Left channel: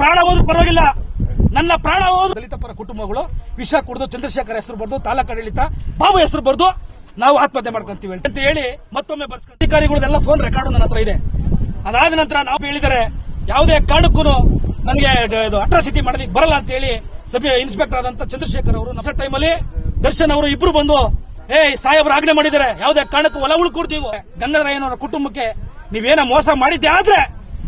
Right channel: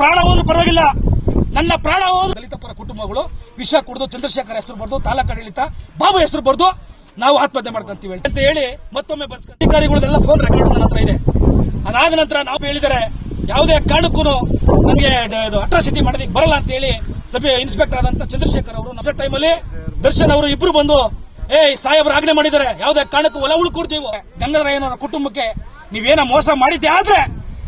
ಪ್ರಾಣ ಹೋದ್ರು ಪರವಾಗಿಲ್ಲ, ನನ್ನ ಪ್ರಾಣ ಹೋದ್ರು ದಲಿತ ಪರ ಕುಟುಂಬಗಳು ವಿಷ ಕುಡಿದು ಚಂದ್ರಶೇಖರ್ ಹೆಸರು ಬರ್ದು ತಾಲೂಕಾಡಳಿತ ಬಾಬು ಹೆಸರು ಬರ್ದು ನಾವು ಆತ್ಮಹತ್ಯೆ ಮಾಡ್ಕೊಂತೀವಿ ಅಂತ ಹೇಳಿ ಮತ್ತೊಮ್ಮೆ ಬರ್ಸ್ಕೊಂಡು ಅಧಿಕಾರಿಗಳದೆಲ್ಲ ಫೋನ್ ರೆಕಾರ್ಡ್ ನನ್ನ ಹತ್ರ ಇದೆ. ಅದಾದ ನಂತರ ನಾವು ಹೇಳಿದರೆ ಯಾವುದೇ ಕಾರಣಕ್ಕೂ ನನಗೆ ಅಟ್ರಾಸಿಟಿ ಮಾಡೋದಕ್ಕೆ ಬರಲ್ಲ ಅಂತ ಹೇಳಿ ಸಭೆ ಇನ್ಸ್ಪೆಕ್ಟರ್ ಆದಂತ ಚಂದ್ರಶೇಖರ್ ಅವರು ನಮ್ಮ ಟೈಮಲ್ಲಿ ದರ್ಶನ್ ಅವರು ಇಬ್ರು ಬಂದು ಸಾಹೇಬ್ರ ಆಜ್ಞೆ ಮಾಡಿದ್ದಾರೆ, ಯಾವುದೇ ಕಾರಣಕ್ಕೂ ಹೊಲ ಉಳ್ಕೊಡ್ತೀವಿ ಗಂಗಾಧರಯ್ಯನವರ ಕುಟುಂಬಕ್ಕೆ ನೀವೇನ ಮೋಸ ಮಾಡಿದ್ದೆ ಆದ್ರೆ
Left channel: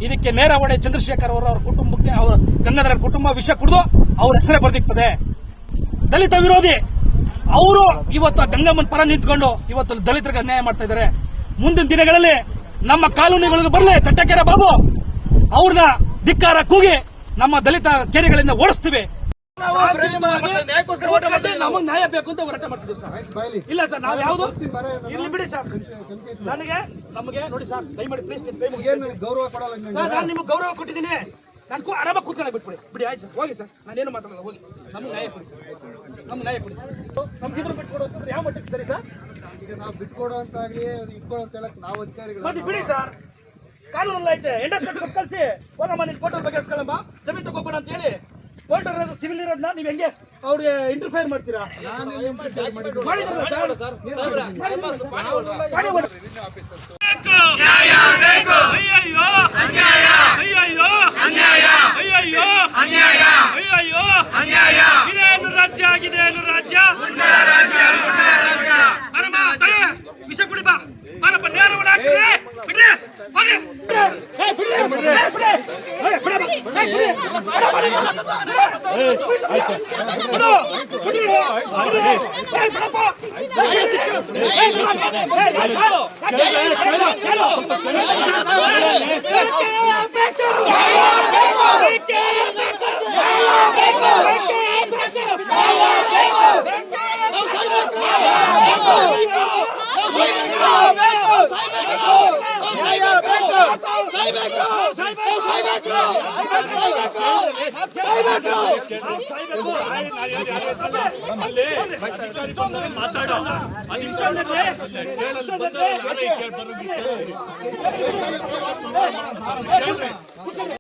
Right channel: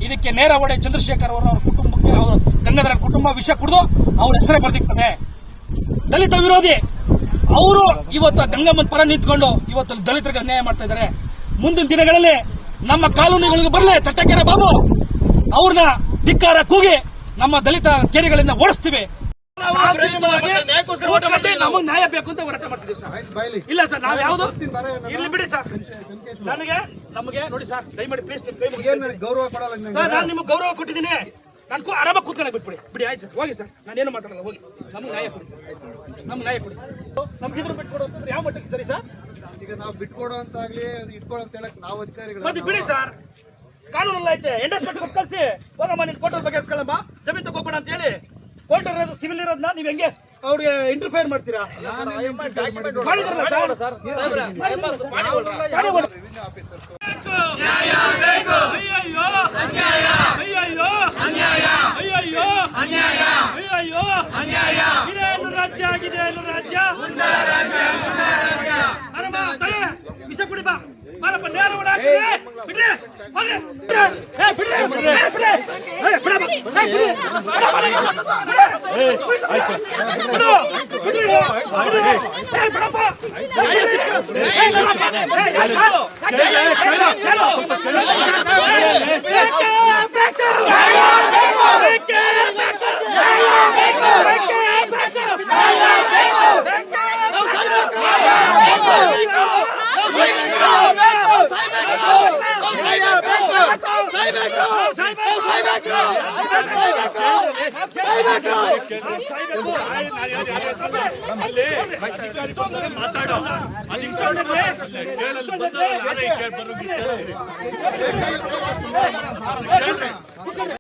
ಇದಕ್ಕೆ ನೇರ ಹೊಡೆ ಚಂದ್ರಶೇಖರ್ ಅವರ ಕುಟುಂಬಕ್ಕೆ ಅವರ ಗಂಗಾಧರ ಕುಟುಂಬ ವಿಷ ಕುಡಿದು ಅವ್ರ ಹೆಸರೇ ಬರ್ದಿರ್ತದೆ. ದಲಿತ ವಿರೋಧಿ ಅವರು ಇವತ್ತು ಗಂಗಮ್ಮನ ಪರ ನಿಂತ್ಕೊಂಡು ಇವತ್ತು ದಲಿತರಿಗೆ ಅನ್ಯಾಯ ಮಾಡ್ತಾ ಇದ್ದಾರೆ. ಮುಂದಿನ ದಿನಗಳಲ್ಲಿ ನಮ್ಮ ಕಾನೂನುಗಳಿಗೆ ಬರಲಿ ತಟ್ಟಕೆರೆ ಬಾಬು ಅವ್ರನ್ನ ಧಿಕ್ಕಾರ ಕೂಗಿ ನಮ್ಮ ದಲಿತ ಕೇರಿಗಳಿಂದ ಓಡಿಸ್ತೀವಿ. ನಮಗೆ ನ್ಯಾಯ ಬೇಕು ಅಂತ ಹೋರಾಟ ಮಾಡ್ತಿದ್ದೀವಿ ಸರ್. ಇಲ್ಲ ಸರ್, ನಾವು ಯಾವ್ದು ಇಲ್ಲಿ ಬಿಡಿ ಸರ್, ನಮಗೆ ನೋಡಿ ಸರ್, ದಯಮಾಡಿ ಪ್ಲೀಸ್ ನಿಮ್ ಕೈ ಗೌರವ ಕೊಡಲ್ಲ ಸರ್. ನಾನು ನಿಮ್ಗೆ ಗೌರವ ಕೊಟ್ಟಿದ್ದೀನಿ, ನಾನು ಆರಾಮಾಗಿ ಕೂತ್ಕೊಂಡು ಬಿಟ್ಬಿಡಿ. ಬಿಡಿ ಆಯ್ತು ಸರ್, ಹೋಗಿ ಸರ್, ನಾನೇನು ಮಾತಾಡಲ್ಲ, ಹೋಗಿ. ನಮ್ಗೆ ನ್ಯಾಯ ಕೊಡಿ ಸರ್, ನಮ್ಗೆ ನ್ಯಾಯ ಕೊಡಿ ಸರ್. ನಮ್ಗೆ ಇದ್ರ ಬಿಟ್ಕೊಡೋ ಯಾವ ಮಟ್ಟಿಗೆ ಸರಿ ಸರ್? ಈಗ ನಾವು ಬಿಟ್ಕೊಡೋ ಅಂತಾಗ್ಲಿ ಇಟ್ಕೊಳ್ಳೋ ಅಂತ ಹೇಳಕ್ ನಾವು ಅಧಿಕಾರಿಗಳು ಮತ್ತೆ ಬಿಡಿ ಸರ್, ಕಾನೂನಲ್ಲ ಐತೆ. ಎಂಡಸ್ಮೆಂಟ್ ಕೊಟ್ಟು ಕಳಿಸಿ, ಹೋಗಮ್ಮ ನಿನ್ ಕೋರ್ಟಲ್ ಬಗ್ಗೆ ಇಸ್ಕೊಳ್ಳಮ್ಮ, ಜಮೀನು ತಗೋಬೇಡ ಅಂತ ಹೇಳಿ. ಕೋರ್ಟ್ ಇರೋದು ಸಿವಿಲ್ ಇರೋದನ್ನ ನೀವ್ ಹೆಂಗೆ ಅವ್ರಿಗೆ ಇಂಟರ್ಫೇರ್ ಮಾಡ್ತೀರಾ? ಮಾಡಿದ್ರಲ್ಲ ಸರ್, ಇದೇನು ರಾಜ್ಯ ಆಗಿದೆ, ಏನು ರಾಜ್ಯ? ವಿಷ ಕುಡಿ ಬಾ ಮಾರಪ್ಪ, ನೇರವನ್ನ ಬಿಡ್ರಿ, ಹೋಗ್ರಿ.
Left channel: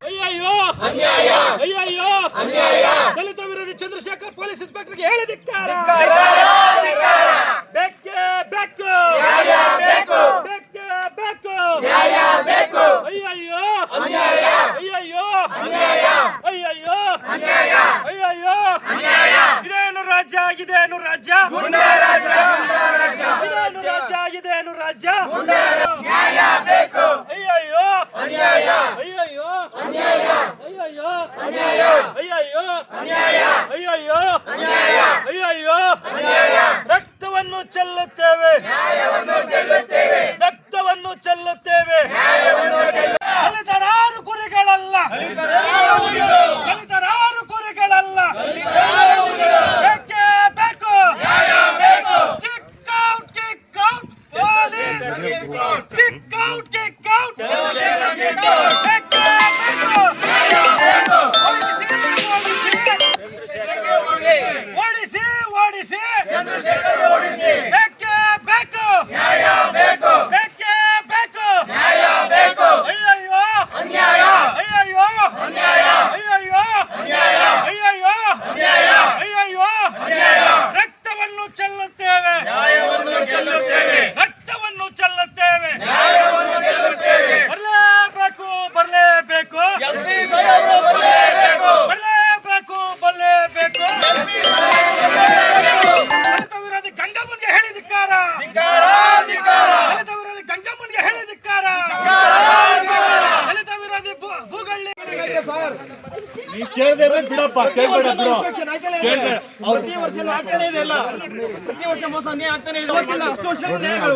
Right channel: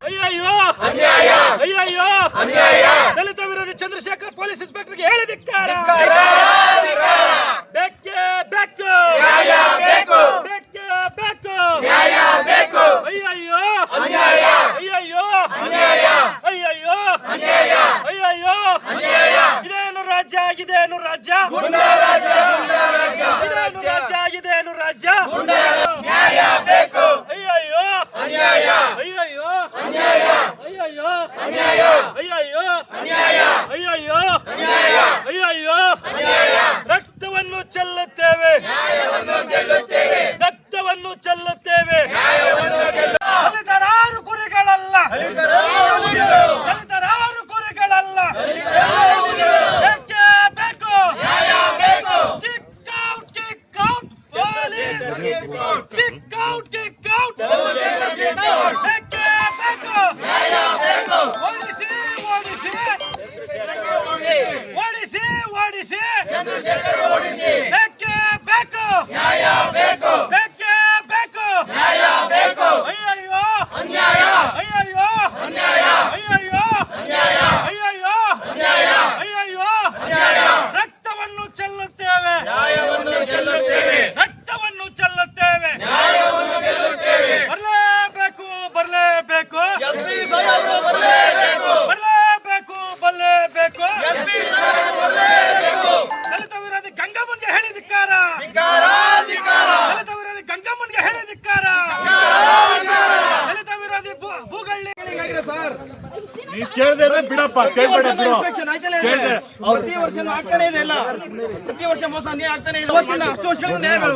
ಅಯ್ಯಯ್ಯೋ ಅಯ್ಯಯ್ಯೋ ದಲಿತ ವಿರೋಧಿ ಚಂದ್ರಶೇಖರ್ ಪೊಲೀಸ್ ಇನ್ಸ್ಪೆಕ್ಟರ್ಗೆ ಹೇಳಿದಿಕ್ಕಾರ. ಬೇಕೇ ಬೇಕು, ಬೇಕೇ ಬೇಕು. ಅಯ್ಯಯ್ಯೋ ಅಯ್ಯಯ್ಯೋ ಅಯ್ಯಯ್ಯೋ ಅಯ್ಯಯ್ಯೋ ಇದೇನು ರಾಜ್ಯ ಆಗಿದೆ, ಏನು ರಾಜ್ಯ? ಇದೇನು ರಾಜ್ಯ ಆಗಿದೆ, ಏನು ರಾಜ್ಯ? ಅಯ್ಯಯ್ಯೋ ಅಯ್ಯಯ್ಯೋ ಅಯ್ಯಯ್ಯೋ ಅಯ್ಯಯ್ಯೋ ಅಯ್ಯಯ್ಯೋ ರಕ್ತವನ್ನು ಚೆಲ್ಲುತ್ತೇವೆ, ರಕ್ತವನ್ನು ಚೆಲ್ಲುತ್ತೇವೆ. ದಲಿತರಾರು ಕುರಿಗಳಲ್ಲ, ದಲಿತರಾರು ಕುರಿಗಳಲ್ಲ. ಬೇಕೇ ಬೇಕು, kick out, kick out police, kick out, kick out. ಬೇಕೇ ಬೇಕು, ಓಡಿಸಿ ಓಡಿಸಿ ಓಡಿಸಿ ಓಡಿಸಿ. ಬೇಕೇ ಬೇಕು, ಬೇಕೇ ಬೇಕು. ಅಯ್ಯಯ್ಯೋ ಅಯ್ಯಯ್ಯೋ ಅಯ್ಯಯ್ಯೋ ಅಯ್ಯಯ್ಯೋ ರಕ್ತವನ್ನು ಚೆಲ್ಲುತ್ತೇವೆ, ರಕ್ತವನ್ನು ಚೆಲ್ಲುತ್ತೇವೆ. ಬರಲೇಬೇಕು, ಬರಲೇಬೇಕು, ಬರಲೇಬೇಕು, ಬರಲೇಬೇಕು. ದಲಿತ ವಿರೋಧಿ ಗಂಗಮ್ಮನ್ಗೆ ಹೇಳಿದಿಕ್ಕಾರ, ದಲಿತ ವಿರೋಧಿ ಗಂಗಮ್ಮನ್ಗೆ ಹೇಳಿದಿಕ್ಕಾರ, ದಲಿತ ವಿರೋಧಿ ಭೂಗಳ್ಳಿ. ನೀವು ಕೇಳಿದ್ರೆ ಬಿಡಪ್ಪ, ಕೇಳ್ಬೇಡ ಬಿಡು. ಪ್ರತಿ ವರ್ಷ ಆಗ್ತಾನೆ ಇದೆ, ಇಲ್ಲ ಪ್ರತಿ ವರ್ಷ ಮೋಸ ಆಗ್ತಾನೆ ಇದೆ. 10 ವರ್ಷ ನ್ಯಾಯಗಳು